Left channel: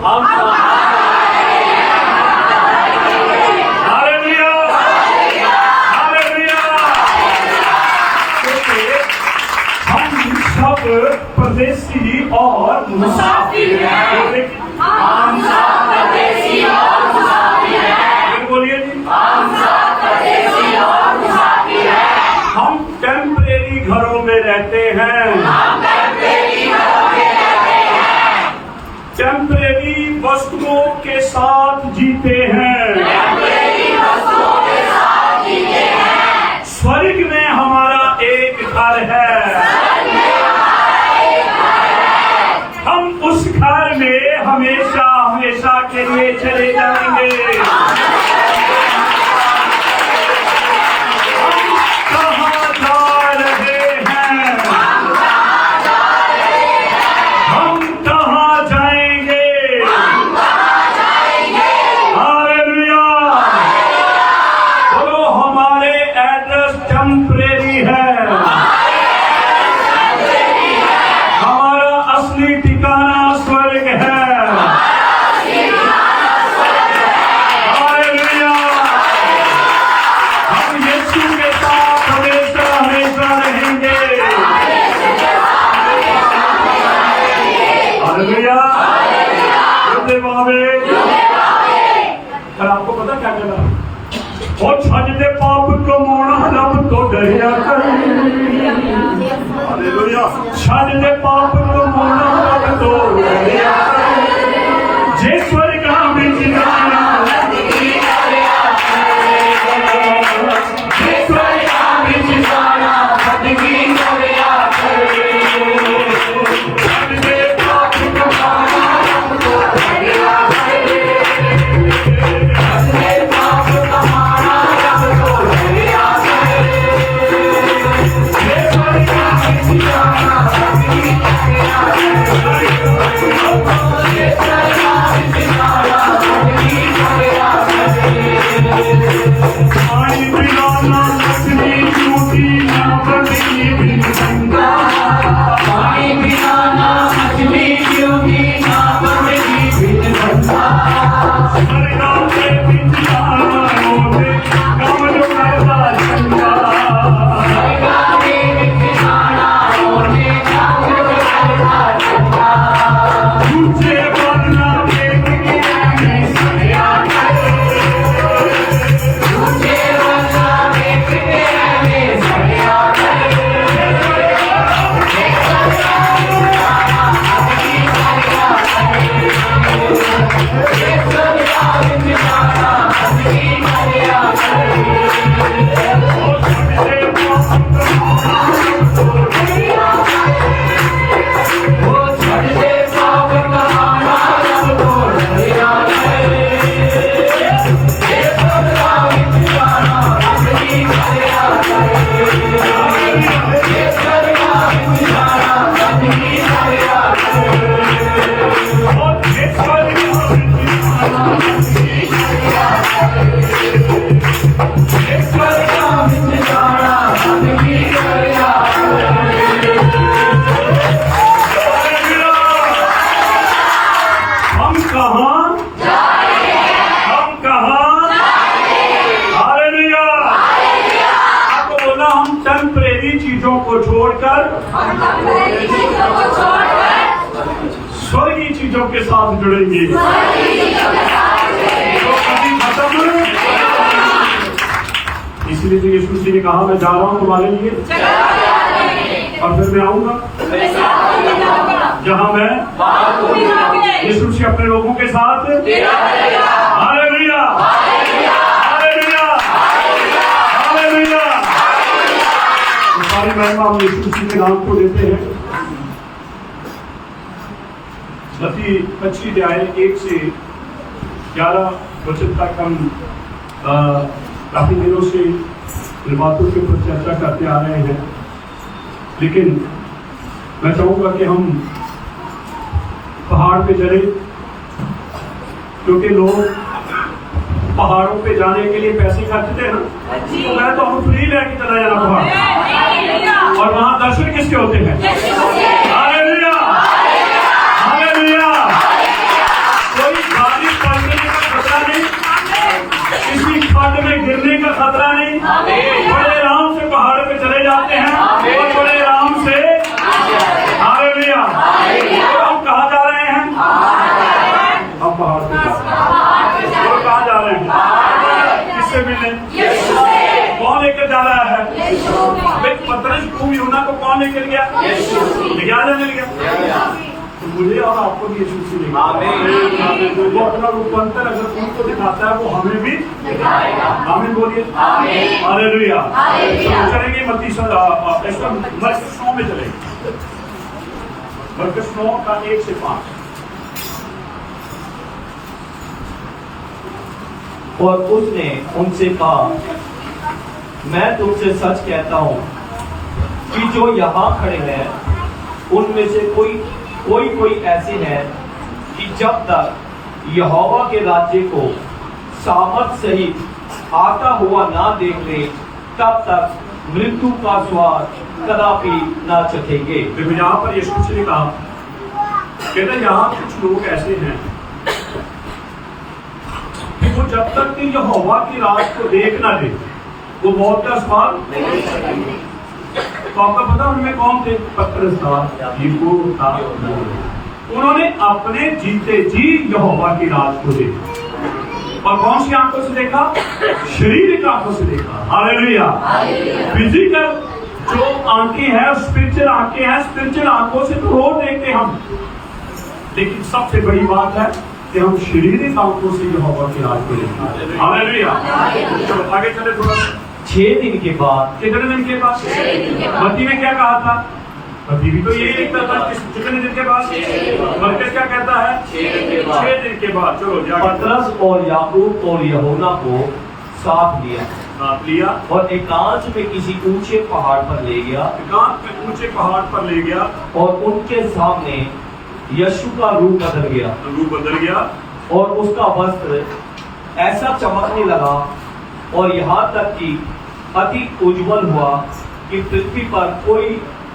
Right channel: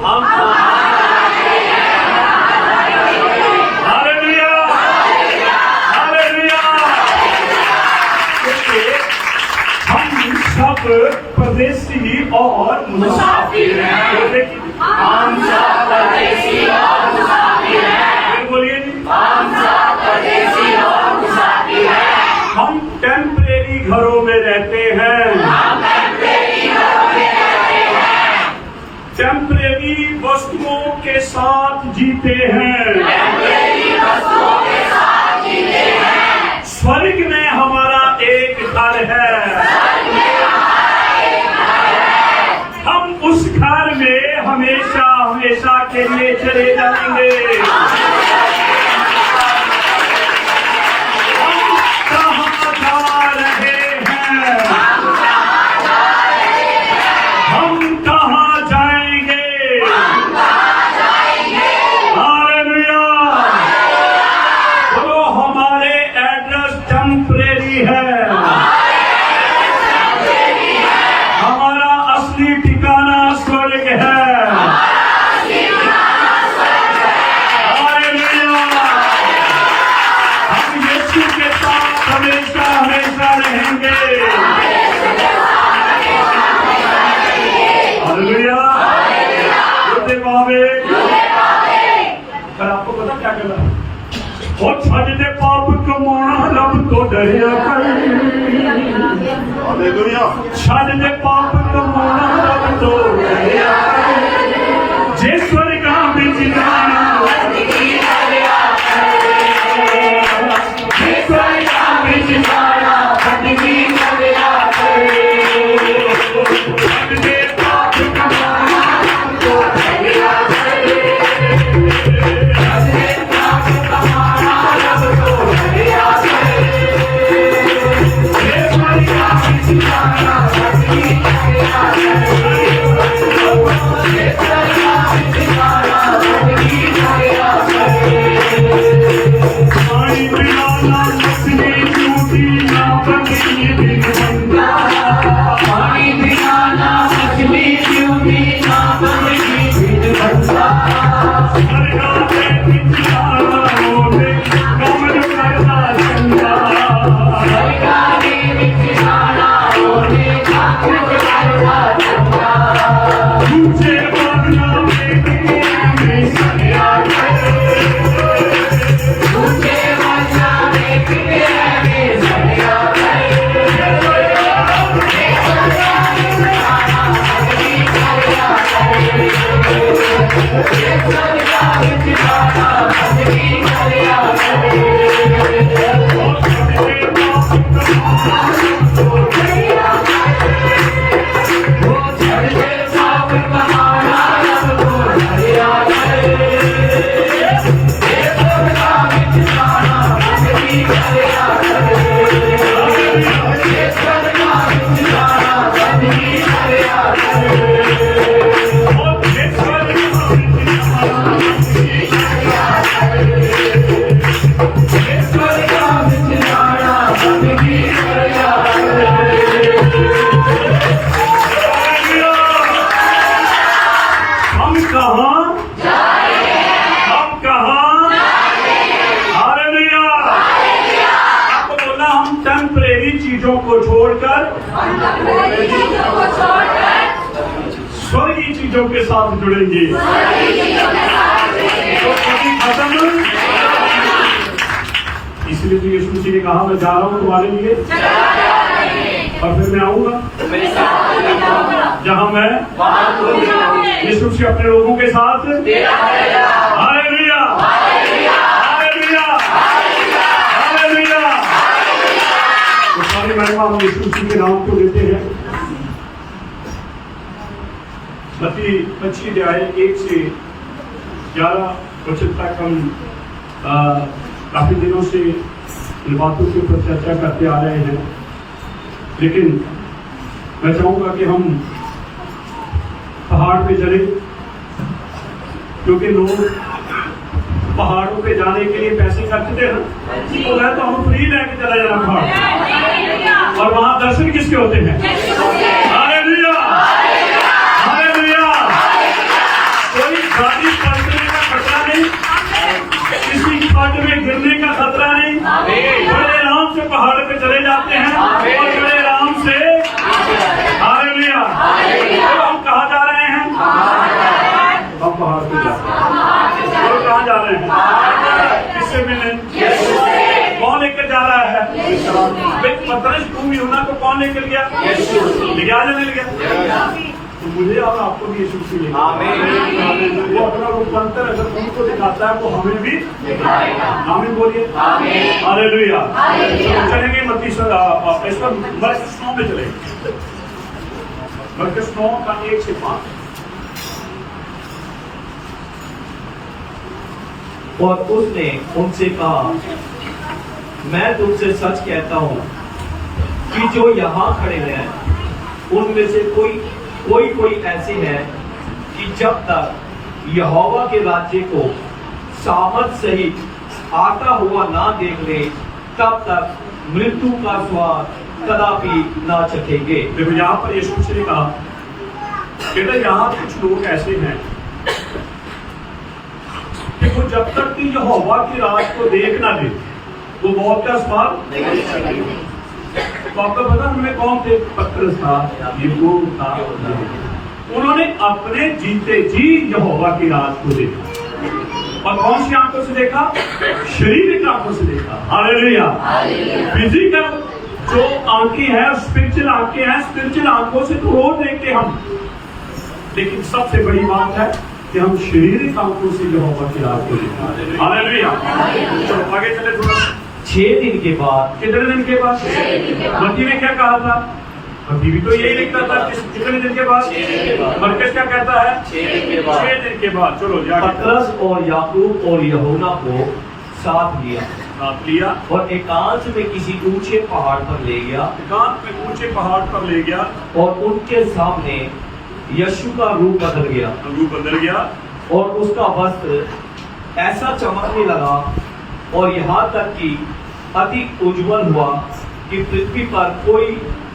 हम hallelujah, hallelujah. हम सब परदेसी और मुसाफिर हैं। हम सब परदेसी और मुसाफिर हैं। बोलिए जी, हम सब परदेसी और मुसाफिर हैं। हम टेम्परेरी घरों में रहते हैं। हम टेम्परेरी घरों में रहते हैं। टेम्परेरी वस्तुओं के साथ जीते हैं। टेम्परेरी वस्तुओं के साथ जीते हैं। स्वर्ग में हमारा एक घर है। हम उस घर में हमेशा हमेशा के लिए चले जाएंगे। हम कहाँ जा रहे हैं? हम कहाँ जाएंगे? हालेलुया। बोलो, हमारे एड्रेस टेम्परेरी है। हमारा असली ठिकाना स्वर्ग है। हालेलुया। हम यीशु के साथ हमेशा हमेशा रहेंगे। हालेलुया। पर आपको पता क्या कहना? और छाने पाप को मोना रब तो दरिया कर। हालेलुया। छाने पाप को मोना रब तो दरिया कर। जे स्वर्ग में जिंदाना जे स्वर्ग में जिंदाना हटगी दरिया कर। छाने पाप को मोना रब तो दरिया कर। छाने पाप को मोना रब तो दरिया कर। जे स्वर्ग में जिंदाना हटगी दरिया टेम्परेरी चीजों को छोड़कर स्वर्गीय चीजों के साथ जुड़ेंगे। तो कभी खत्म। इसलिए तो यीशु मसीह ने कहा, मैं जा रहा हूँ तुम्हारे लिए और फिर मैं आऊंगा जहां मैं। यीशु मसीह अपने लोगों के साथ। Hallelujah, hallelujah, hallelujah. तो सारी महिमा हम यीशु मसीह के नाम को देते हैं। मत्ती 25 अध्याय 1 से 11 वचन तक हम काफी दिनों से इन बातों के ऊपर चर्चा करते आ रहे हैं, लेकिन मैं चाहूंगा कि हम पहाड़ पे चले, क्योंकि लोग पहाड़ों पे जाने के लिए पैसे खर्चते हैं। तो मैं तो हम फ्री लेके चला जाना पहाड़, और वहां दर्शन किसके होते हैं? Hallelujah, hallelujah. तो पहाड़ पे जा रहे हैं। और कहाँ जा रहे हैं? किससे मिलने? कौन लेकर जा रहा है? भाई पतरस भूमि यूहन्ना को कौन लेकर गया? ले गया या नहीं ले गया? तो मुझे और आपको भी यीशु से लेगा। वो अपना रूपांतर अगर उनको दिखाता है वो हमें भी आमीन बोलिए। हालेलुया। चलेंगे मत्ती मरकस 9 में चलेंगे। मरकस 9 का 1 से 5। और उसने उनसे कहा, मैं तुमसे सच कहता हूं कि जो यहाँ खड़े हैं उनमें से कोई ऐसे हैं कि जब तक यहोवा के राज्य को सामर्थ सहित आता हुआ ना देख ले तब तक मृत्यु का स्वाद कदापि ना चखेंगे। देखो यहाँ पर यीशु से ने कहा, कहते यहाँ कुछ लोग ऐसे हैं कि वो जब तक कि यहोवा की राज को देख ना दे वो मौत का स्वाद नहीं चखेंगे। तो आपको पता उनमें कौन थे? पतरस था, याकूब था। उन्होंने अपने जीते जी यहोवा की राज को देखा। और कौन सी आंखों से देखा? शरीर की आंखों से देखा। हालेलुया। फिजिकल जो आंखें हैं, स्पिरिचुअल आंखें हैं, स्पिरिचुअल आंखों से तो रोज देखते हम, लेकिन सबसे बड़ी बात है कि हम शारीरिक आंखों से यहोवा की राज को देखते। हालेलुया। चलो आगे चले थोड़ा। 6 दिन के बाद। कितने दिन के बाद? मत्ती ने क्या कहा था? मत्ती भी तो यही लिखता था कितने दिन के बाद? मरकस क्या कहता है? 6 दिन के बाद। चलो पतरस और याकूब और यूहन्ना को साथ लिया और एकांत में किसी ऊंचे पहाड़ पर ले गया। एकांत में ऊंचे पहाड़ पर ले गया और उनके सामने यीशु का रूप बदल गया और उसका वस्त्र ऐसा चमकने लगा और यहाँ तक कि अति उज्जवल हुआ कि पृथ्वी पर कोई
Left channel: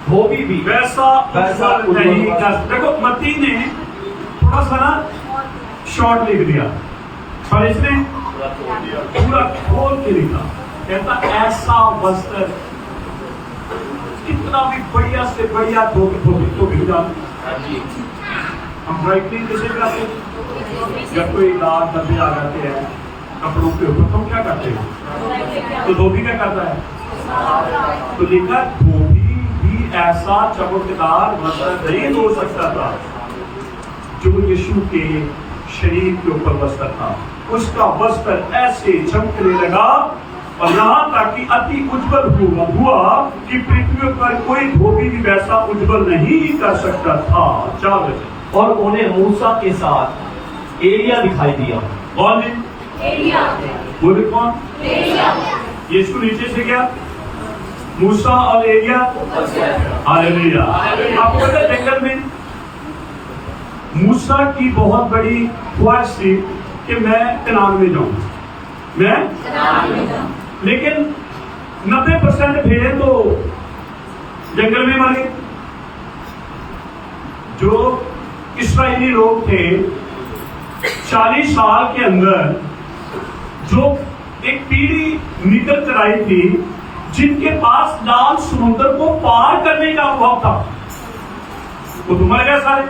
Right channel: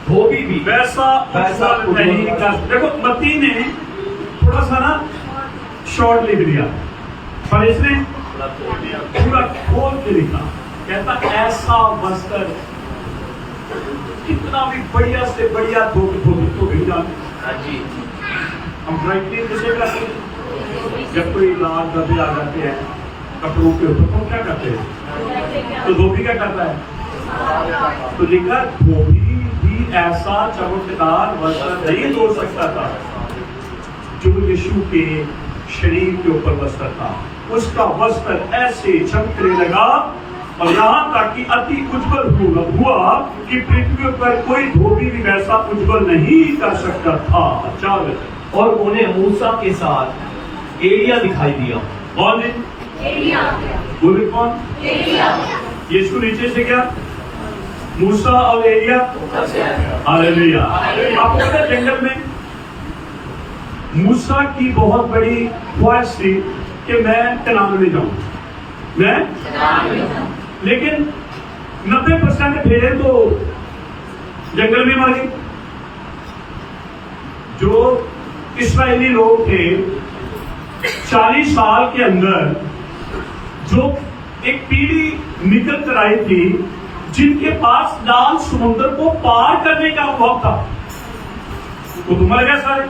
धोबी भी वैसा उज्जवल नहीं था। देखो मत्ती ने थोड़ा सा ना शॉर्ट लिख दिया, पर इसने पूरा खोल के लिखा। कहता ऐसा वस्त्र, कितना भी बढ़िया से बढ़िया धोबी जाने। हम ड्राई क्लीन कैसे कराते हैं? जब कोई दाग धब्बे आ जाते हैं कपड़ों के ऊपर तो हम क्या करते हैं? तो धोबी क्या करता है? तो लिखा धोबी भी ऐसा चमकदार वस्त्र नहीं धो सकता था जो यीशु के शरीर के ऊपर वस्त्र था। उसका वस्त्र ऐसे चमकने लगा और यहाँ तक कि अति उज्जवल हुआ कि पृथ्वी पर कोई धोबी भी वैसा उज्जवल नहीं कर सकता था। और उन्हें मूसा के साथ एलिया दिखाई दिया। कौन? बोले कौन? यीशु नीचे से क्या? मूसा और एलिया। हालेलुया। आपको पता है जंगल में मूसा की बहुत बड़ी ख्वाहिश थी कि मैं कनान में जाऊं, लेकिन 90% भेड़ तो जंगल में मर गए। जो इस्राएली लोग थे 40 साल के अंदर जो एक पीढ़ी निकल कर आई थी जिनके पास लाल समुद्र को पार करने का अनुभव था, वो तो मर गए सारे।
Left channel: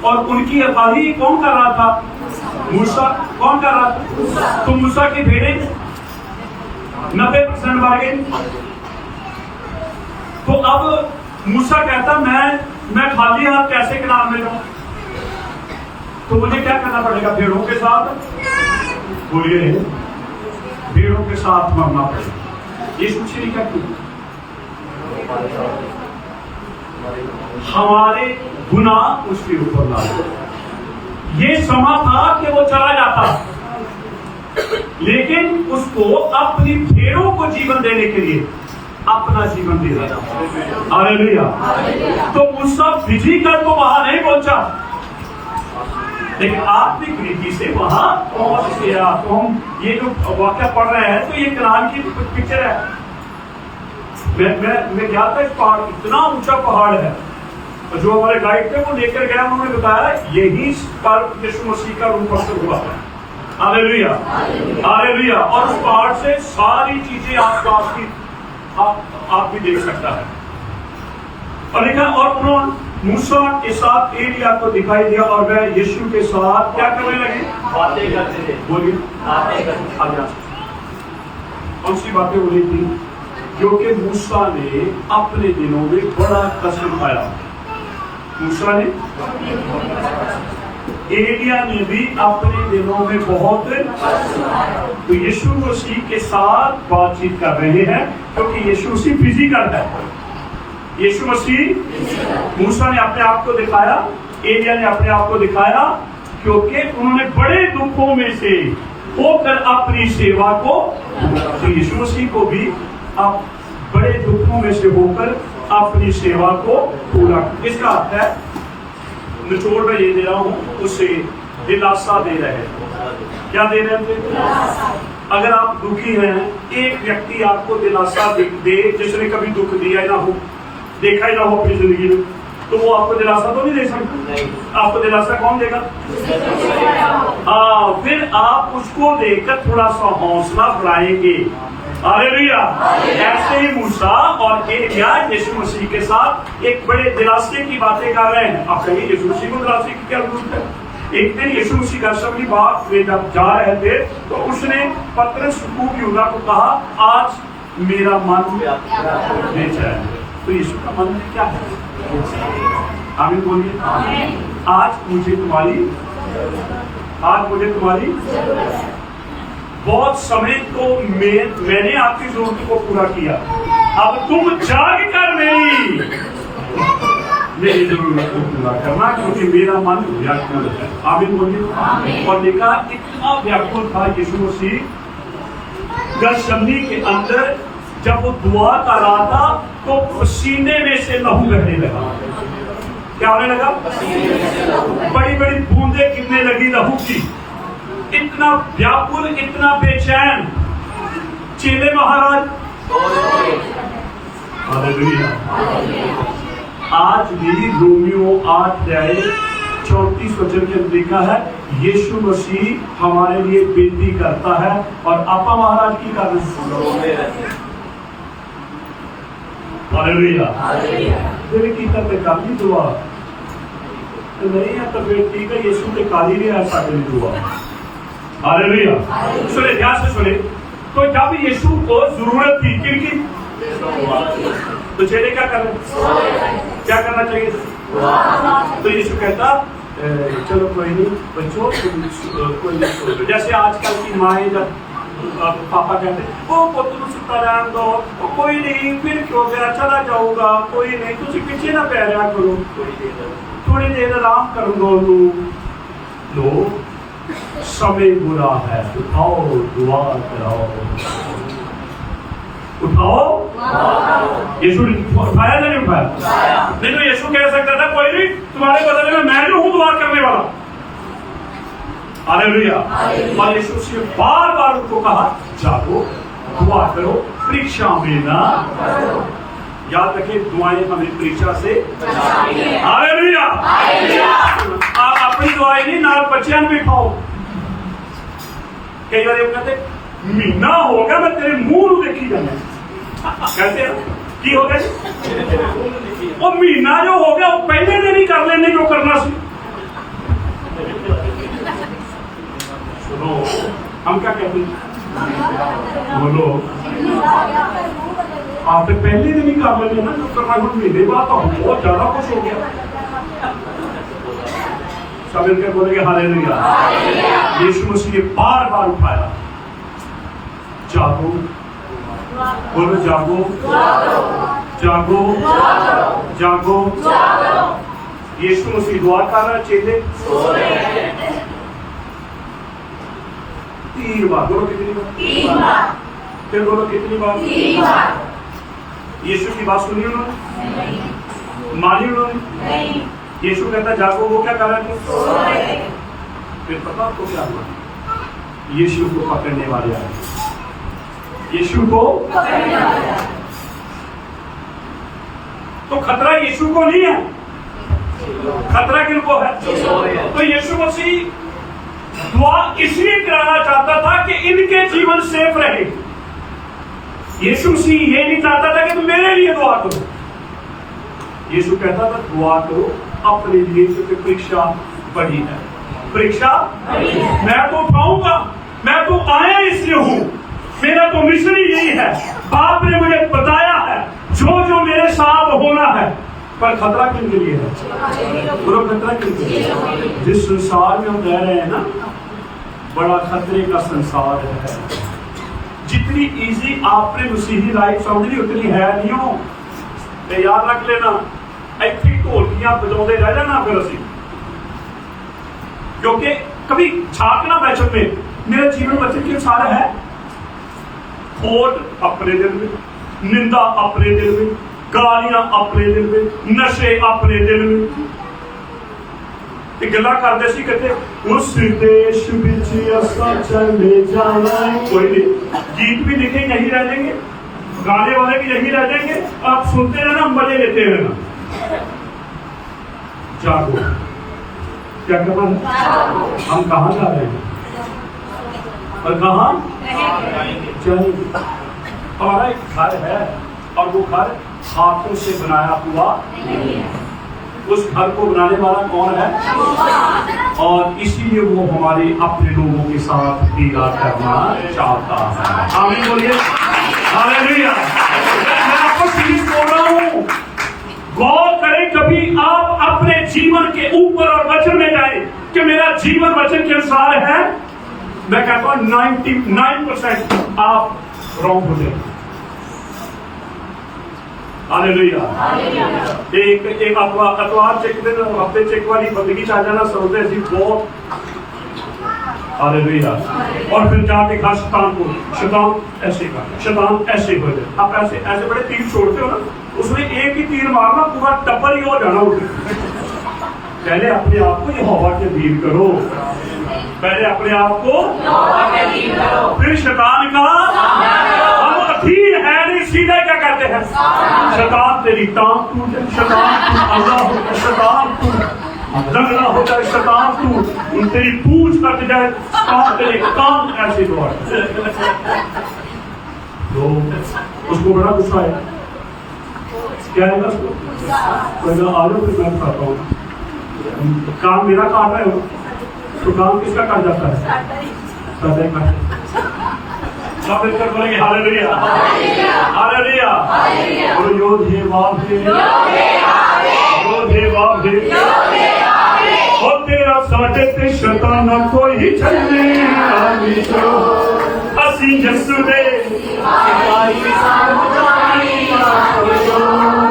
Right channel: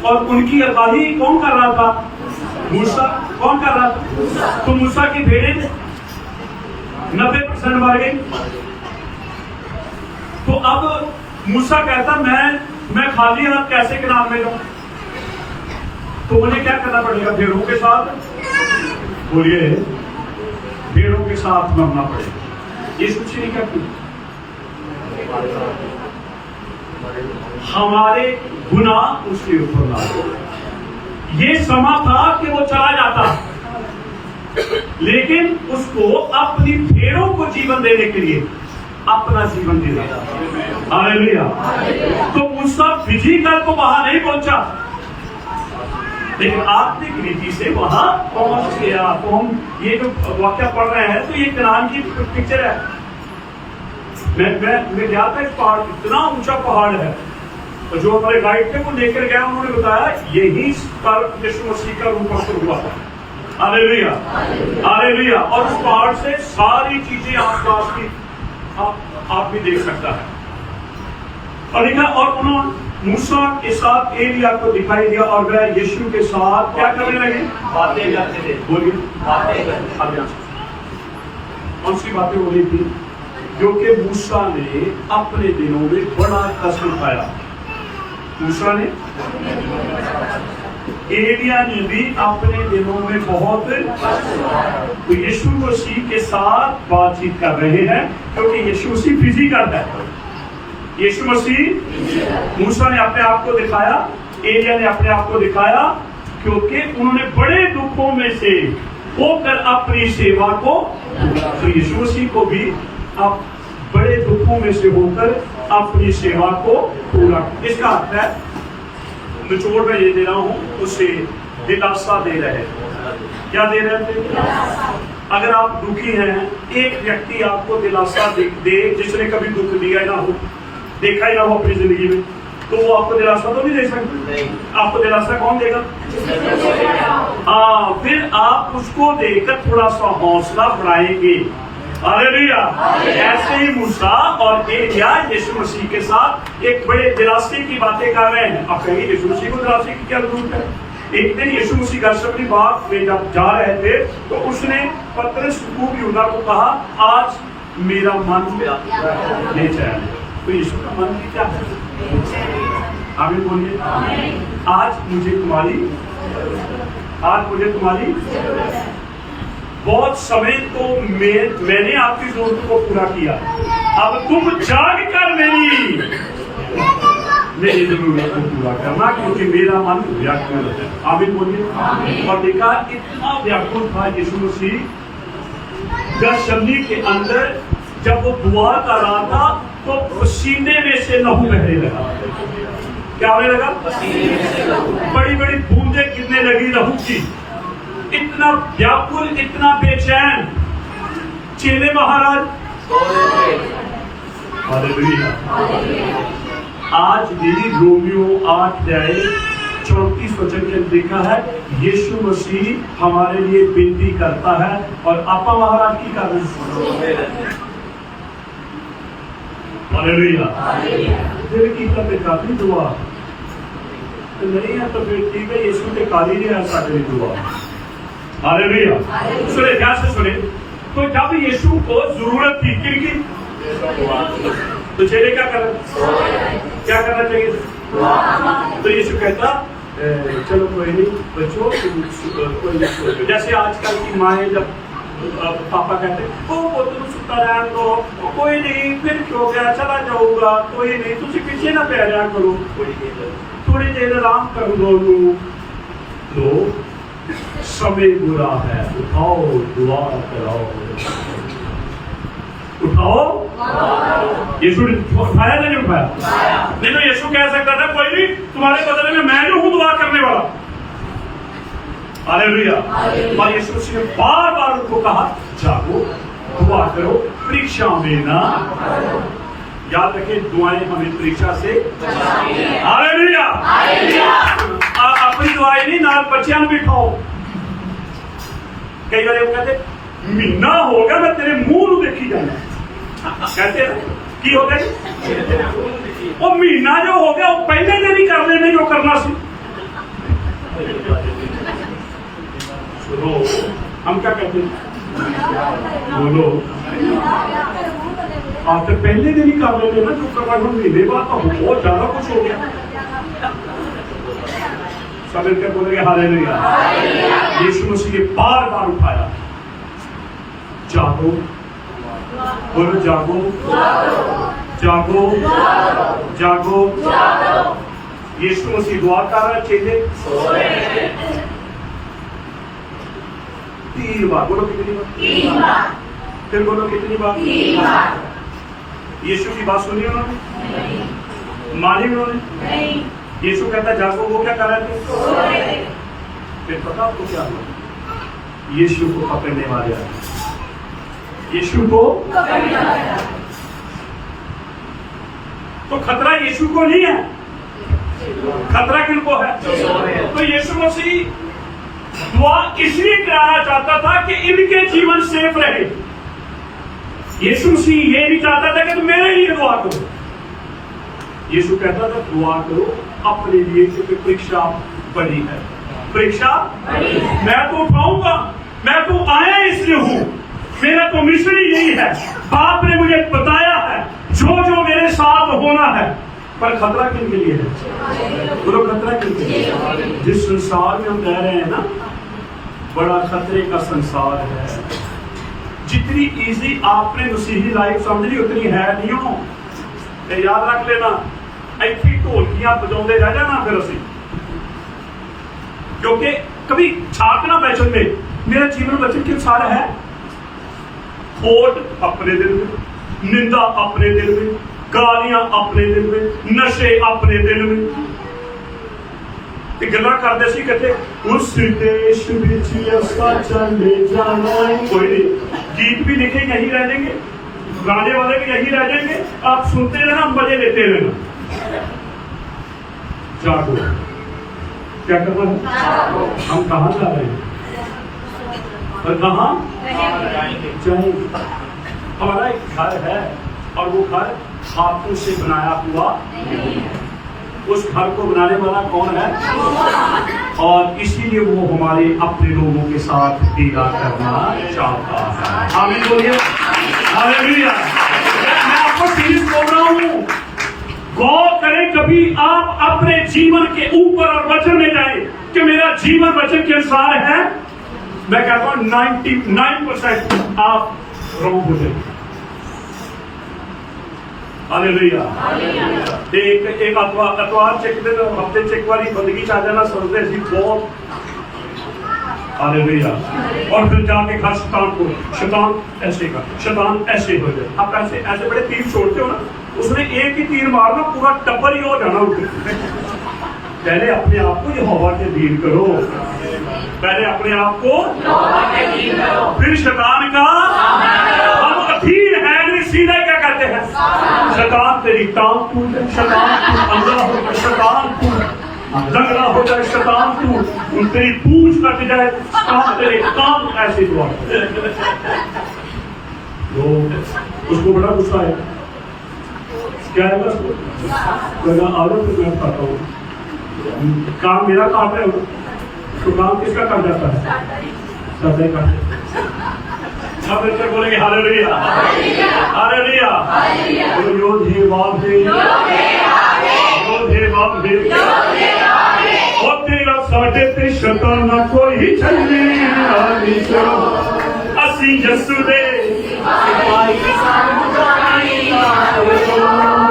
और उनकी अगुवाई कौन कर रहा था? मूसा। कौन कर रहा था? तो मूसा की भेड़ें 90% मर गई। तो अब मूसा कहता मैं खाली हाथ कैसे कनान में जाऊं? तो उन्हें क्या करना पड़ेगा? भेड़ों के साथ, बोलिए, भेड़ों के साथ मरना पड़ेगा। ये कुछ नहीं करती। हमारे गुनाह उसके ऊपर ला। ये समा था कि वो चला जाता, लेकिन उसको अपनी भेड़ों को जीवन देने के लिए अपना जीवन दे रहा था। हालेलुया। तो मूसा फिजिकल तो वहां नहीं पहुंचा, लेकिन आत्मिक रीति से वहां पहुंच गया। तो हम ये जो वाक्य पढ़ रहे हैं तो ये कनान की पिक्चर है। मैं गया था, इस पहाड़, इतना ऊंचा पहाड़ है, और जो हमारे गाइड थे वो लेकर गया, उन्होंने बताया यही पर यीशु मसीह का रूप अवसर हुआ। Hallelujah, hallelujah. और उस पहाड़ से सारी चीजें आसपास की आप भी देख सकता है। और लिखा, और मूसा के साथ एलिया को दिखाई दिया और वह यीशु के साथ क्या करने लगे? बातें करते थे। बोलिए। बातें करते आगे आ। कौन सी बातें हो रही थी? जो कि मूसा ने अपने दिनों में बड़ा कष्ट उठाया। मूसा ने, एलिया ने भी अपने दिनों में बहुत, तो यीशु मसीह के साथ बातचीत कर रहे हैं क्योंकि यीशु मसीह फिजिकल है। यीशु मसीह, मूसा ने अपने आप को दिखाया, एलिया ने अपने आप को दिखाया क्योंकि उन्होंने बड़े दुखों में से होकर अपनी सेवा को, तो यीशु मसीह को भी आप बड़े दुखों में से होकर अपनी सेवा को पूरा। इसका अर्थ है, निचोड़ में ये दे रहा हूं, उसे दिलासा दे रहे हैं। क्या दे रहे हैं? अगर आप दुखी हैं, एक व्यक्ति आपको दिलासा दे जिसने कभी दुख दिया ही ना हो, देखा ही ना हो अपनी जिंदगी में, तो वो आपको दिलासा तो नहीं दे सकता। आपको दिलासा कौन देगा? हाँ, फिर आप उसको देकर थोड़ा सा हौसला बढ़ाएंगे। हालेलुया। ऐसे ही मूसा और एलिया यीशु मसीह के साथ एक बड़े दिलासे की बातें कर रहे हैं। आप कहिए यीशु मसीह को दिलासे की क्या जरूरत है? एक दिन यीशु मसीह घर से बात में जब जा रहे थे तो उसने पतरस को यूदा को कहा, आज मेरा मन बेचैन है। तो यीशु का मन क्या है? आमीन बोलिए। आज मुझे तुम्हारी बहुत समय तो मैंने आपकी जरूरत को पूरा किया, अब तुम जानकर मेरी जरूरत को पूरा करना क्योंकि मेरा मन व्याकुल है। आमीन बोलिए। और देखा इतना व्याकुल था यीशु मसीह गethsemane के अंदर, जब वो दुआ कर रहा था तो पसीने में से लहू बहने लगा। क्या होने लगा? बड़ी बड़ी बूंदें गिरने लगी लहू की। इतना व्याकुल, इतना बेचैन। चेले महाराज, हालेलुया। आज भी रोमियो 8:34 वचन के अंदर लिखा है, यीशु मसीह हमारे लिए बेनती करता है और आपा महाराज की कर रहे हैं। हालेलुया। फिर की करते काली दुआ नहीं है तो फिर ठीक है, यीशु के काली नहीं है साड़ी दुआ। हालेलुया। सुने, ध्यान से सुने। तो जब यीशु को जरूरत थी किनकी, तो चेले क्या कर रहे? क्या करना चाहिए? तो यीशु कहता, चलो कोई नहीं बच्चों, तुम जैसे आजकल की माएँ जब पापा कहते वो तुम सुता रहने दो, कोई नहीं, फिर क्यों गया, चला जाऊंगा, कोई नहीं, तुझे पीछे ना पै रहा करो, थोड़ी देर आराम कर लो। समय बुरा है, उठाओ दुआ कराओ। उठाओ। यीशु उठाया नहीं उठाया? नहीं तो यीशु कह सकता था, कोई नहीं, तुम्हारे बदले में मैं जो हूं दुआ करने वाला। हालेलुया। और यीशु ने बार बार उनको कहा, जाओ दुआ करो, परीक्षा में ना। याद रखें, दुआएं हमें परीक्षा से। हालेलुया। अपनी दुआएं नहीं, नाल बच्चियां भी खाओ। कई बार वो कहते, महीना हो गया मैं तेरे मुंह देखी जाना, कहते की हो गया? वो महीना जो हो गया वो पहले दिन ही कर लेने जो करना सी। सुनो, हम क्या कहते हैं? बोलो, आप तो पहले दिन ही कर लेने ना जो करना, महीने बाद तो बहुत ज्यादा कुछ हो गया। सब मिलकर बोलेंगे हालेलुया। यीशु मसीह ने बार बार उठाया, जागो, बोलो जागो, जागो, जागो। यीशु मसीह दुआ कर रहा है, चेले 3 बार। बोलो कितनी बार? 3 बार। फिर बोलो कितनी बार? 3 बार। यीशु की बात सुनी उन्होंने? मानी उन्होंने? यीशु कहता जागो, वो क्या कर रहे थे? फिर पता आपको क्या हुआ? यीशु को पकड़ने वाले आए। यीशु को तो खतरा यीशु को नहीं है, खतरा किनको है? तो यीशु मसीह दुआ इसलिए कराना चाहता था कि इनके जीवन सेफ रहे। यीशु मसीह ये नहीं चाहता था कि तुम मेरे लिए दुआ करो। यीशु कहता था दुआ करो अपने लिए, क्योंकि परीक्षा बड़ी है। परीक्षा मैं तो पाऊंगा, मैं तो आया इसलिए हूं, मेरा तो मिशन ही यही है। बाप ने मुझे बताया है जो जो मेरे साथ होना है। पर खतरा किन के लिए है? बोलो खतरा किन के लिए? जिस संसार में हम रह रहे हैं ना, बड़ा खतरे का संसार है। जितनी इजी आपने मसीही लाइफ समझ ली उतनी है नहीं हो। तो याद रख लेना, ऐसी ढोलकियां बजाते रह जाना फिर असी, क्योंकि कभी झांकना बैचन में मेरा जीवन वचन के अनुसार है। खोट अपने दिल में, निंदा अपने दिल में, गालियां अपने दिल में, नशे अपने दिल में। गल्ला करते सी कहते उस देश विच असां चले जाना है। कोई नहीं, गीत भी लिखे यही रह जाएंगे, गाने वाले भी यही रह जाएंगे, आप सुनते रहना, मजे लेते रहना। जागो, क्या करना है? हम कहाँ जा रहे हैं और कहाँ जाएंगे? हमारा एक घर है और वो घर हाथों से बनाया हुआ, उस घर को बनाने वाला कौन है? और इसीलिए वो हमारे अपने लोगों के साथ दीदा करना चाहता है। आमीन बोलिए, हालेलुया। मैं आपको सीरीज बोल रहा हूँ, गौर करें कभी आप अपने जीवन के ऊपर और वचन में जाए कि मेरा जीवन वचन के अनुसार है। मैं कहता हूं 99% आप रॉन्ग हो जाए। हालेलुया। एक अतवार चेक दिन हफ्ते चेक वाली बंदगी आ जाना समझते अभी बहुत। हालेलुया। और फिर जाके घर शैतान ऐसे का, शैतान ऐसे हो जाए। आप ऐसे ऐसे बड़े तीर छोड़ते हो ना, उसने एक ही तीर मारना, पूरा टप्पर ही हो जाना। पहले अपने आप को यहोवा के अधीन करो, पहले अपने आप को, फिर शैतान का। हम अधीन है नहीं, सीधा क्या कहते हैं? शैतान तेरी टांग टूट जाए, शैतान तू अंधा हो जाए, शैतान तू लंगड़ा हो जाए, शैतान तू तेरी पूंछ कट जाए, तेरे कान ऐसे हुआ। उसको बड़ा गुस्सा आया। क्या है उसको? कहना आ जाओ फिर मैं बताता हूँ। काम मेरा काट है तो काम किसका काट जाता है? सदा ही काट। सब मिलकर बोलेंगे हालेलुया, हालेलुया। बोलो योधे बाबे, योधे बाबे, और तेरा साढ़े ते शैतान कोई चले आनी चलो असी यसुदे।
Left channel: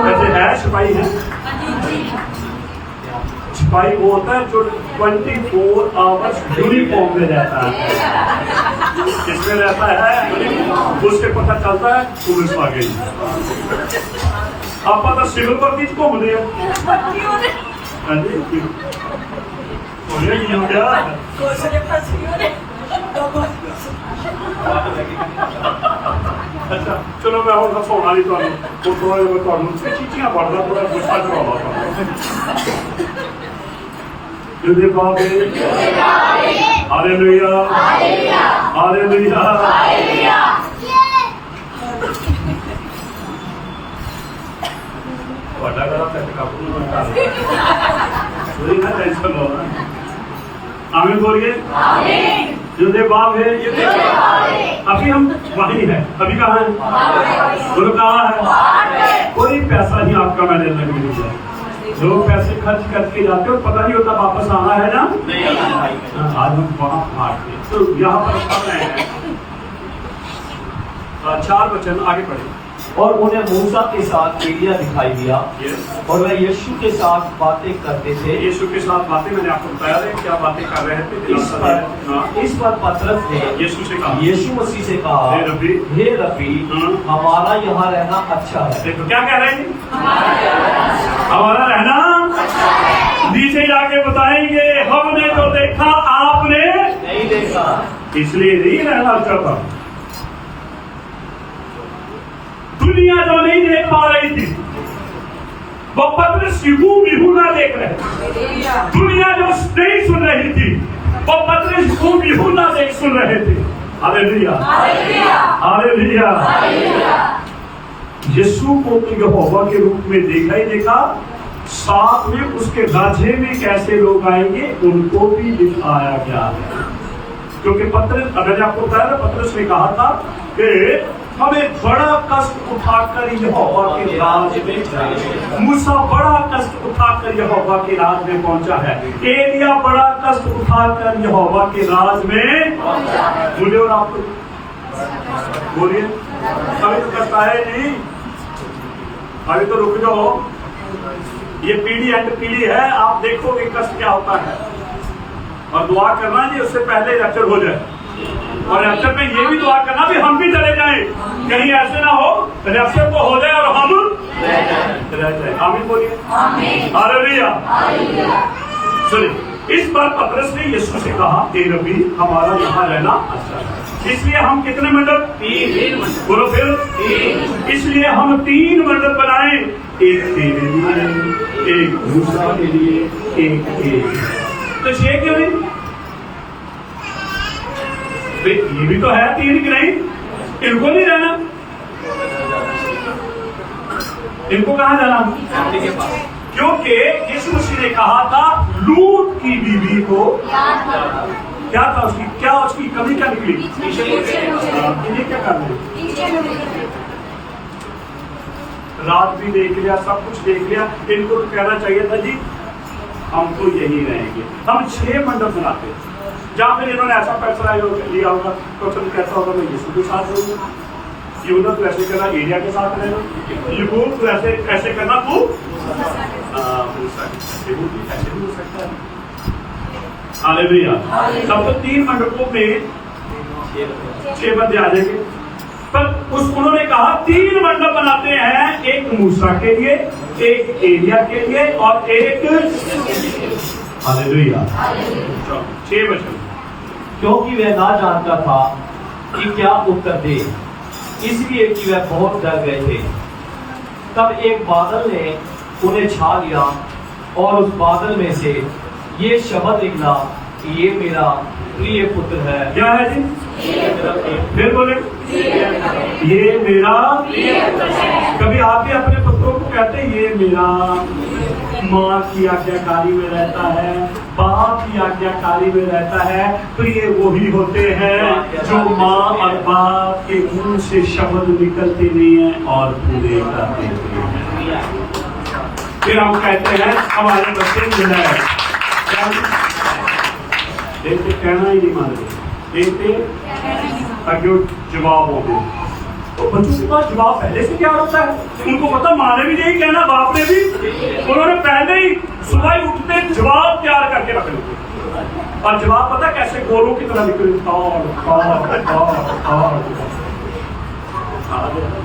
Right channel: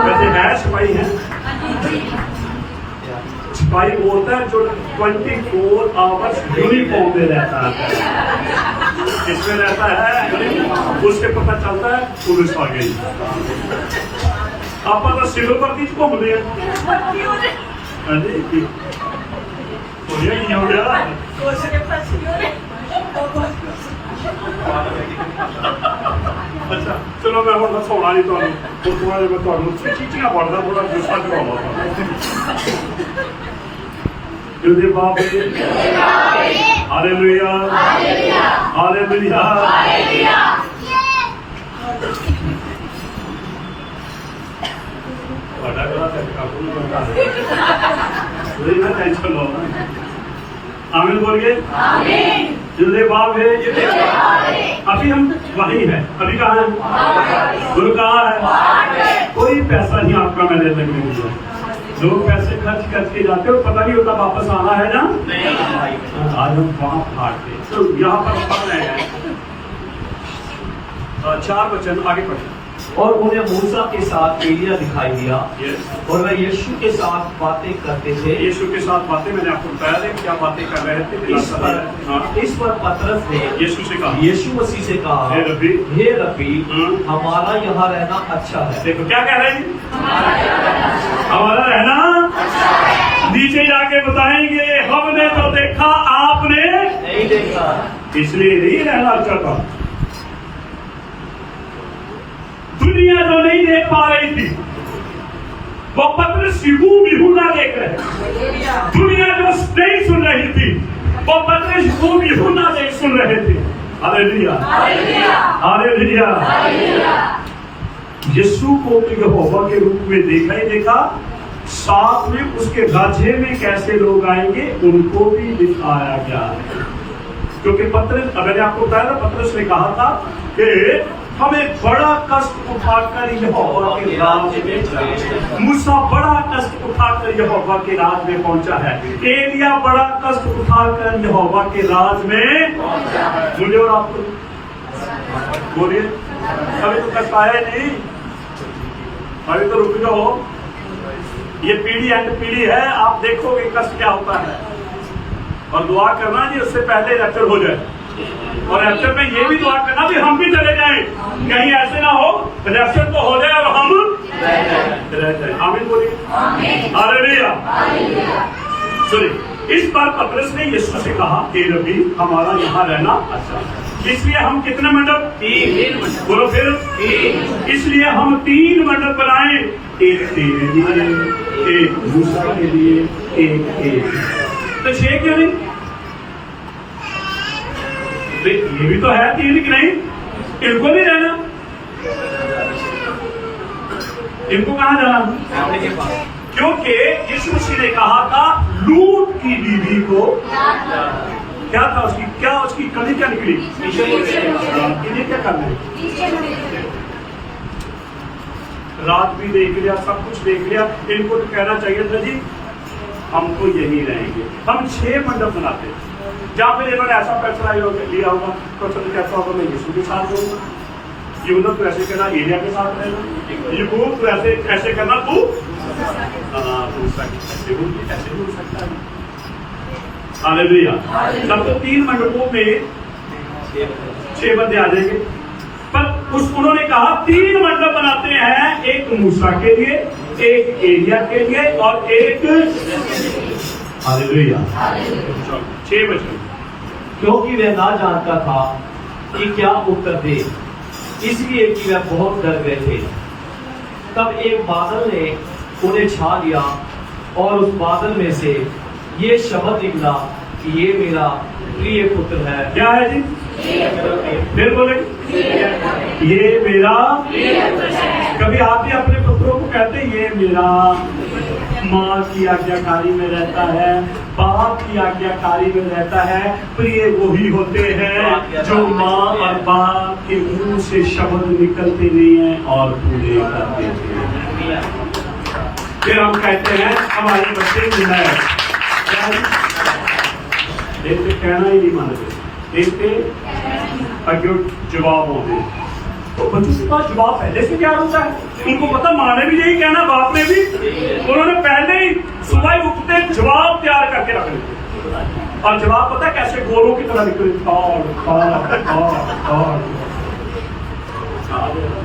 कहते हैं सिपाही है। सिपाही वो होता है जो 24 आवर्स यूनिफॉर्म में रहता है। किसमें रहता है? उससे पता चलता है पुलिस आ गई। आप तो सिलों पर बीच घूमते हैं। नहीं हो गया। अच्छा चलो मैं और हसाना नहीं थोड़ा मैं थोड़ा चीचियां पढ़दा, थोड़ा गुस्सा चढ़ावा। युद्धे बाबे, हालेलुया, हालेलुया। बड़ा करो कैसे काबू में कर सोई ना, टेंशन लो ना। आमीन बोलिए, आमीन। युद्धे बाबे, अभी हम वहीं हैं। अभी कहाँ है? गुरु कहाँ है? कोई पैसा नहीं आपका मैं ले सकने मुझे। लोग पैसे खर्च करके जाते हो, पता नहीं होता वापस आना है ना। आज हम वहां भागते तो यहाँ पर पढ़ रहे हैं 4 वचन आगे पढ़े। और उन्हें मूसा के साथ एलिया दिखाई दिया, और वह यीशु के साथ बातें करते थे। यीशु के साथ बातें मैंने आपको बताया था क्या बातें कर रहे थे। इस पर पतरस ने यीशु से कहा, यीशु मसीह से कहा, हे रब्बी, हमारा यहाँ रहना अच्छा है। देखो क्या कह रहे हैं? हमारा रहना नीचे जाके बताएंगे, हमने तो देखा आपने नहीं देखा, इसलिए नहीं रहना अच्छा था। दुनिया जो नहीं देख पा रही थी वो पतरस बिहू ना देख रहे। दुनिया जो नहीं सुन रही थी वो पतरस बिहू ना देख सुन रहे थे। Hallelujah, hallelujah. यीशु को यहोवा के रूप में देखा ही देखा, साथ में उसके राज्य में कैसे लोग आएंगे उनको भी दिखाया गया है। क्योंकि पतरस, मैंने आपको बताया था, पतरस ने कहा था कि हमें बड़ा कष्ट उठाकर यहोवा के राज्य में जाए। मूसा बड़ा कष्ट उठाकर यहोवा के राज में पहुंचा है। एलिया बड़ा कष्ट उठाकर यहोवा के राज में मुझे और आपको बोलिए, अभी तो कष्ट आया ही नहीं, अभी तो रुक जाओ। ये पीढ़ी एंड पीढ़ी है, आप देखोगे कष्ट क्या होता है। और दुआ करना जी उससे पहले रैप्चर हो जाए, और रैप्चर में ये भी दुआ करना भी हम भी चले जाएं, कहीं ऐसे ना हो रैप्चर तो हो जाए और हम रह जाए। आमीन बोलिए, हालेलुया। सुनिए, इस बार पतरस ने यीशु से कहा, हे रब्बी हमारा यहाँ रहना अच्छा है, इसलिए हम कितने मंडप, 3 बोलो फिर, इसलिए हम 3 मंडप बनाए, एक तेरे लिए, एक मूसा के लिए, एक तो 6 क्यों नहीं? ये भी तो है 3 कि नहीं? इनको नहीं जाना, इनको कहाँ जाना? क्योंकि यीशु मसीह ने कहा था लूत की बीवी को क्या था, उसकी कमी क्या निकली? इन्हें क्या करना? रात भी देख लिया, सब कुछ देख लिया, इनको तो कहना चाहिए था जी हम तो यही रहेंगे। हम 6 मंडप बनाते, जहां फिर इन्होंने ऐसा फैसला लिया होगा तो फिर कैसा होगा, मैं यीशु के साथ रहूंगा, यूदा तो ऐसे करना एलिया के साथ रहना, यूब तो ऐसे करना तू ऐसे भी हो सकता है। हालेलुया। तब तो 3 मंडपों में 6 बंदे आ जाएंगे, पर उन्होंने कहा 3 मंडप बनाते हैं, एक मूसा के लिए, एक एलिया के लिए और एक हालेलुया। 6 वचन। क्योंकि वह ना जानता था कि क्या उत्तर दे, इसलिए कि वह बहुत डर गए थे। तब एक बादल ने उन्हें छा लिया और उस बादल में से ये शब्द निकला, ये मेरा प्रिय पुत्र है। क्या है जी? फिर बोले, ये मेरा। कभी आप ही अपने पुत्रों को कहते ये मेरा? माँ की आज्ञाकारी में रहता है, बाप की आज्ञाकारी में रहता है। प्रिय वही होते हैं जो माँ और बाप के मुंह से शब्द निकलते नहीं हैं और पूरे करते हैं। फिर हम कहते हैं हमारे बच्चे जो है देखते कहना ही नहीं मानते, देखते अज्ञो जवाब होते हैं। तो बच्चों के पास जवाब पहले से तैयार होता है, उनको पता माँ ने भी यही कहना, बाप ने भी, उन्होंने पहले ही सुबह ही उठते जवाब तैयार करके रख लेते। और जवाब पता कैसे गोलों की तरह निकले,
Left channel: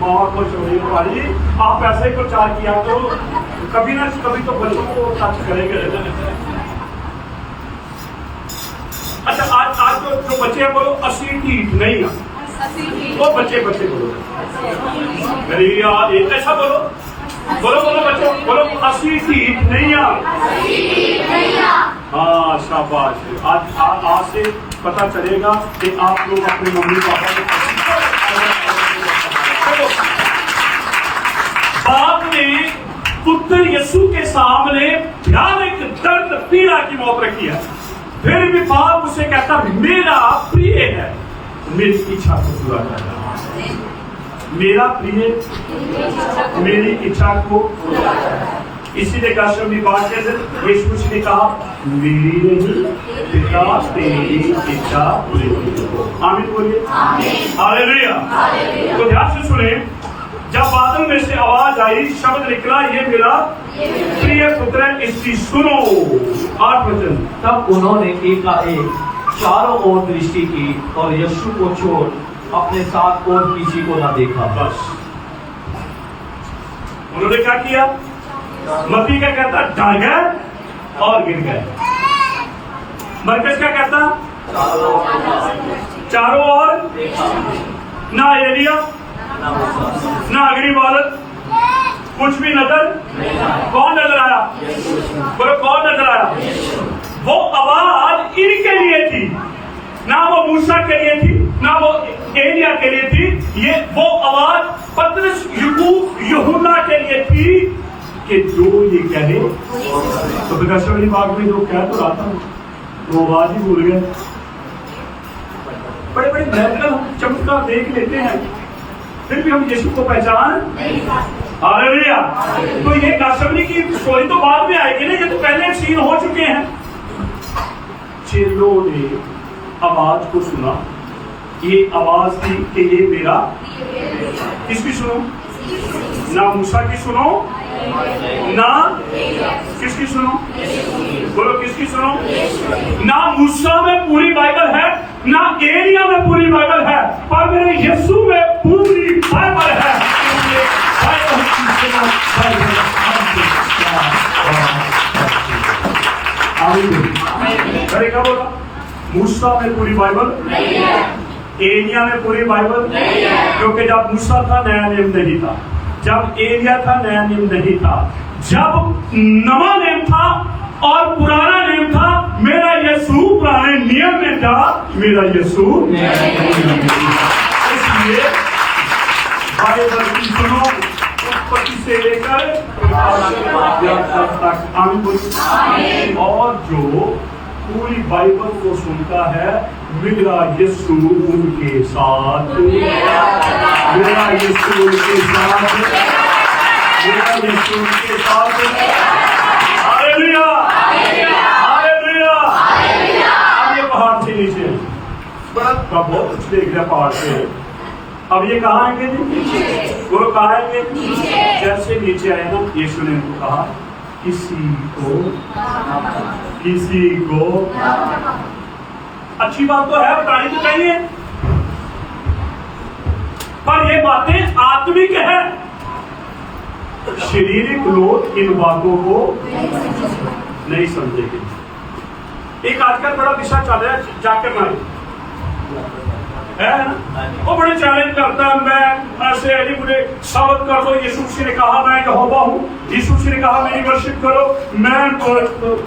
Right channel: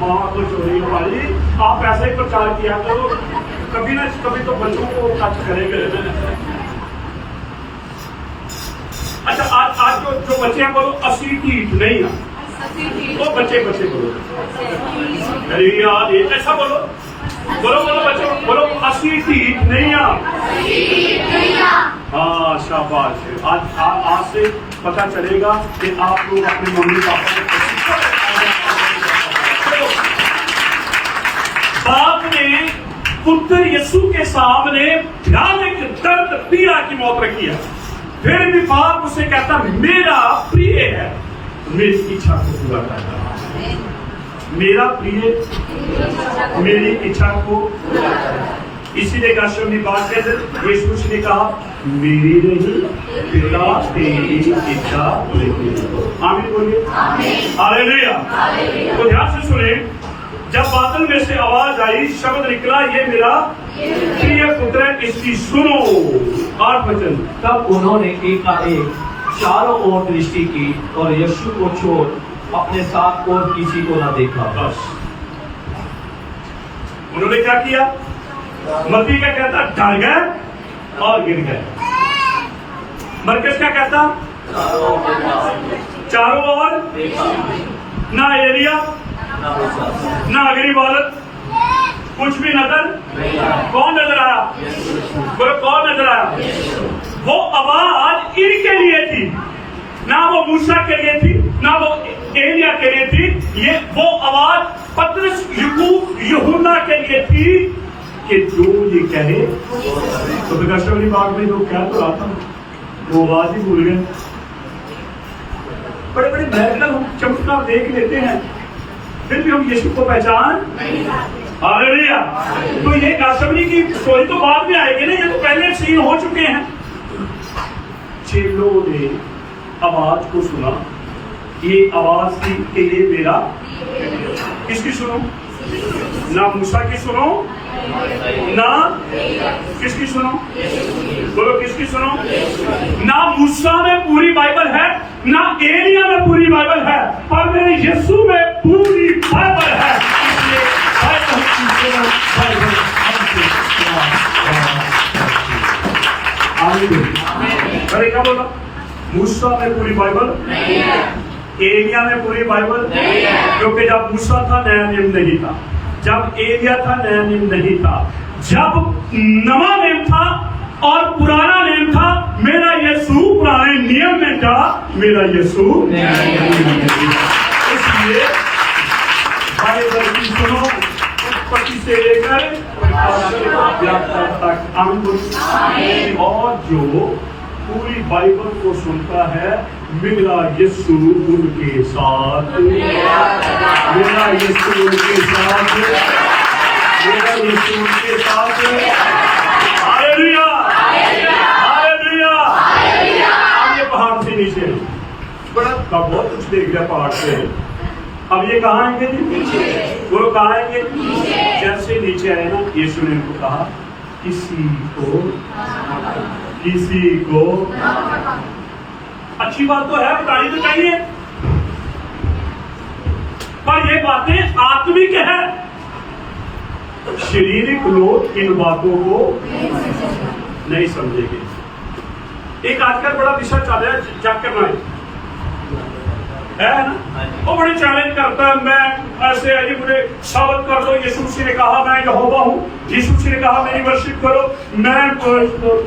माँ को चोरी वाली। आप ऐसे ही प्रचार किया करो, कभी ना कभी तो बच्चों को टच करेंगे। अच्छा, आज जो बच्चे हैं बोलो 80 की नहीं है, वो बच्चे बोलो यार, ऐसा बोलो बच्चों, बोलो 80 की नहीं है। हाँ शाबाश। आज से पता चलेगा कि आप लोग अपने मम्मी पापा को बाप ने पुत्र यीशु के सामने भयानक दर्द पीड़ा की मौत रखी है, फिर भी बाप उसे कहता मेरा प्रिय है, मेरी इच्छा को पूरा करता। मेरा प्रिय मेरी इच्छा को, इसीलिए गाशमी बात के अंदर यीशु ने कहा मेरी नहीं पिता तेरी इच्छा पूरी। आमीन बोलिए, हालेलुया। तो ध्यान से सुने, जब बादल में से आवाज आई, शब्द निकला ये मेरा प्रिय पुत्र है, इसकी सुनो। 8 वचन। तब उन्होंने एकाएक चारों ओर दृष्टि की और यीशु को छोड़ अपने साथ और किसी को न देखा। बस उन्होंने क्या किया? मत्ती क्या कहता? डर गए और गिर गए। मरकज क्या कहता? चारों ओर ना एलिया ना अगली बालक, कुछ भी नजर। कौन नजर आया? बोलो कौन नजर आया? वो आवाज इनके लिए थी, ना वो मूसा के लिए थी, ना वो एलिया के लिए थी। ये वो आवाज पतरस, याकूब, यूहन्ना के लिए थी, कि जो ये कहे। तो प्रकाशवाणी बाग में जो कह तो रहा था वो आवाज ही भूल गए। बड़े बड़े मेरिकल हम चमत्कार देख लेते हैं, फिर भी हम यीशु को पहचान। हालेलुया। तो ये गाशवनी की स्टोरी तो बाद में आएगी ना, ये तो पहले सीन हो चुके हैं। चेलों ने आवाज को सुना, ये आवाज थी कि ये मेरा, किसकी सुनो? ना मूसा की सुनो, ना किसकी सुनो? बोलो किसकी सुनो? ना मूसा में पूरी बाइबल है, ना एलिया में पूरी बाइबल है, पर मेरे यीशु में पूरी बाइबल है। अरे क्या बोला? मूसा में पूरी बाइबल नहीं है, एलिया में पूरी बाइबल नहीं है, क्योंकि जब मूसा था नया नियम नहीं था, जब एलिया था नया नियम नहीं था, जब नवा नियम था और पुराना नियम था। मेरा यीशु पुराने नियम में था, मेरा यीशु इसलिए बाइबल की सुनो, उत्पत्ति से लेकर तक। आमीन। और जो पूरी बाइबल को सुनता है, मेरा यीशु उनके साथ, मेरा यीशु उनके साथ, मेरा यीशु उनके साथ। Hallelujah, hallelujah. अब ये पहाड़ से नीचे बड़ा बहुत कुछ देख रहा पहाड़ से। अब ये कहाँ आएंगे? वो कहाँ आएंगे? जैसे नीचे आए ना, यीशु ने इनको कहा किसी को अच्छी बात तो है, बतानी तो चाहिए, पर ये बातें आत्मिक है। शारीरिक लोग इन बातों को नहीं समझेंगे। एक आजकल बड़ा विषय चल रहा है जाकर मारे है ना, वो बड़े चैलेंज करता है, मैं ऐसे अली मुझे साबित कर दो, यीशु मसीह ने कहा मैं यहोवा हूँ, यीशु मसीह ने कहा मेरी वर्शिप करो, मैं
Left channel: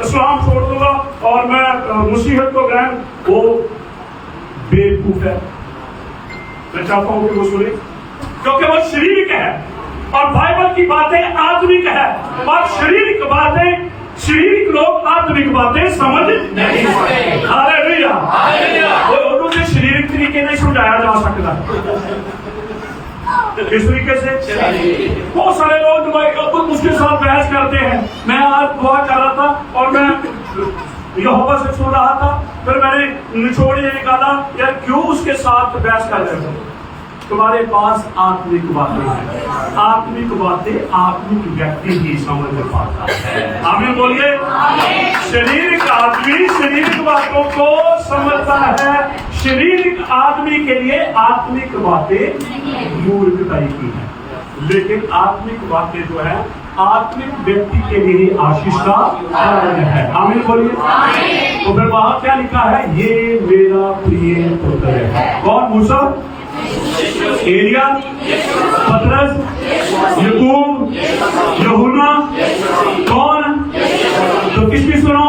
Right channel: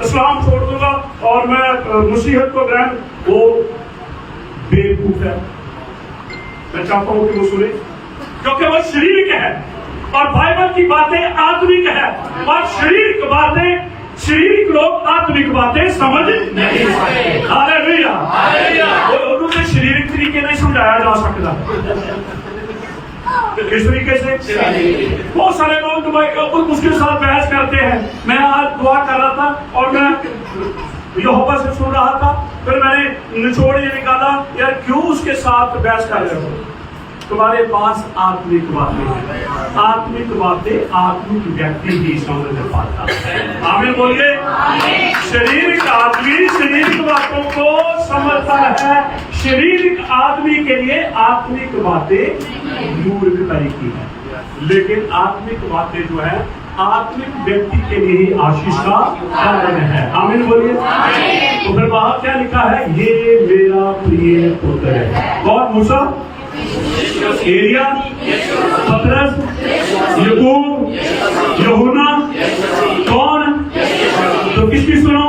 इस्लाम छोड़ दूंगा और मैं मुसीहत को ग्रहण। वो बेवकूफ है। मैं चाहता हूँ कि वो सुने, क्योंकि वो शारीरिक है और बाइबल की बातें आत्मिक है, और शारीरिक बातें, शारीरिक लोग आत्मिक बातें समझ नहीं सकते। हालेलुया। वो से शारीरिक तरीके नहीं समझाया जा सकता। किस तरीके से? बहुत सारे लोग उसके साथ बहस करते हैं। मैं आज दुआ कर रहा था और मैं यहोवा से सुन रहा था, फिर मैंने निचोड़ ये निकाला, यार क्यों उसके साथ बहस कर रहे हो? तुम्हारे पास आत्मिक बातें हैं, आत्मिक बातें आत्मिक व्यक्ति ही समझ पाता है। आमीन बोलिए। शारीरिक आदमी शारीरिक बातों को समझता है, शारीरिक आदमी के लिए आत्मिक बातें मूर्खता की है, लेकिन आत्मिक बातें जो है आत्मिक व्यक्ति के लिए आशीष का कारण है। आमीन बोलिए। तो फिर वहां क्या लिखा है? ये मेरा प्रिय पुत्र है। कौन? मूसा, एलिया, पतरस, याकूब, यूहन्ना, कौन? तो किसकी सुनो?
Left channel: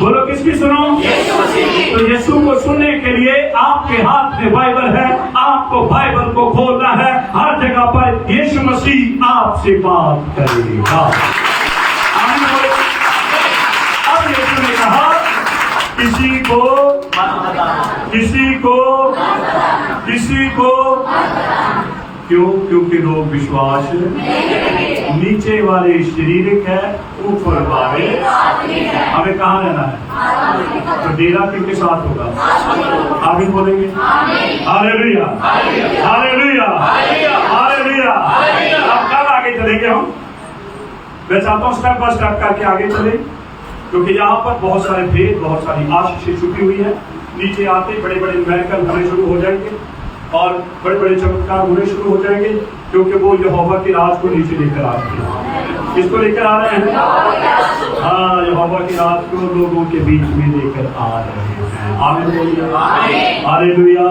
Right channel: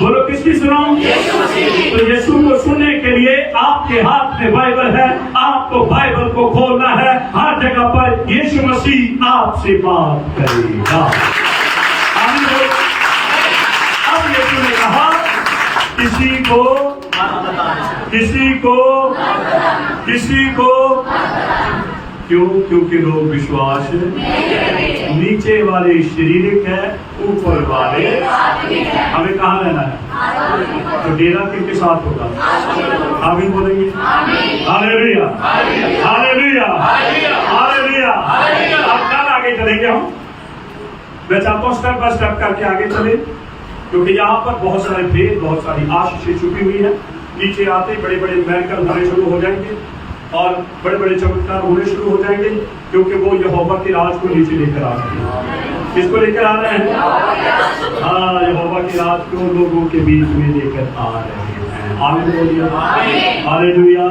बोलो किसकी सुनो? तो यीशु को सुनने के लिए आपके हाथ में बाइबल है, आपको बाइबल को खोलना है। हर जगह पर यीशु मसीह आपसे बात करेगा। अब यीशु ने कहा किसी को क्यों? क्योंकि लोग विश्वास नीचे वाले शारीरिक है, ऊपर वाले हमें कहाँ रहना है? तो डेरा किसके साथ होगा? आमीन बोलेंगे। Hallelujah, hallelujah, hallelujah. अब कल आगे चलेंगे हम। मैं चाहता हूँ स्टेप बाय स्टेप करके आगे चले, क्योंकि यहाँ पर बहुत सारे भेद, बहुत सारी आशीष छुपी हुई है। नीचे आते बड़े बड़े मिरेकल होने शुरू हो जाएंगे और बड़े बड़े चमत्कार होने शुरू हो जाएंगे, क्योंकि वो यहोवा के राज को नीचे लेकर आ रहे हैं। किसको लेकर आ रहे हैं? हाँ, यहोवा के राज को लोगों के बीच में लेकर आ रहे हैं। आमीन बोलिए। हालेलुया।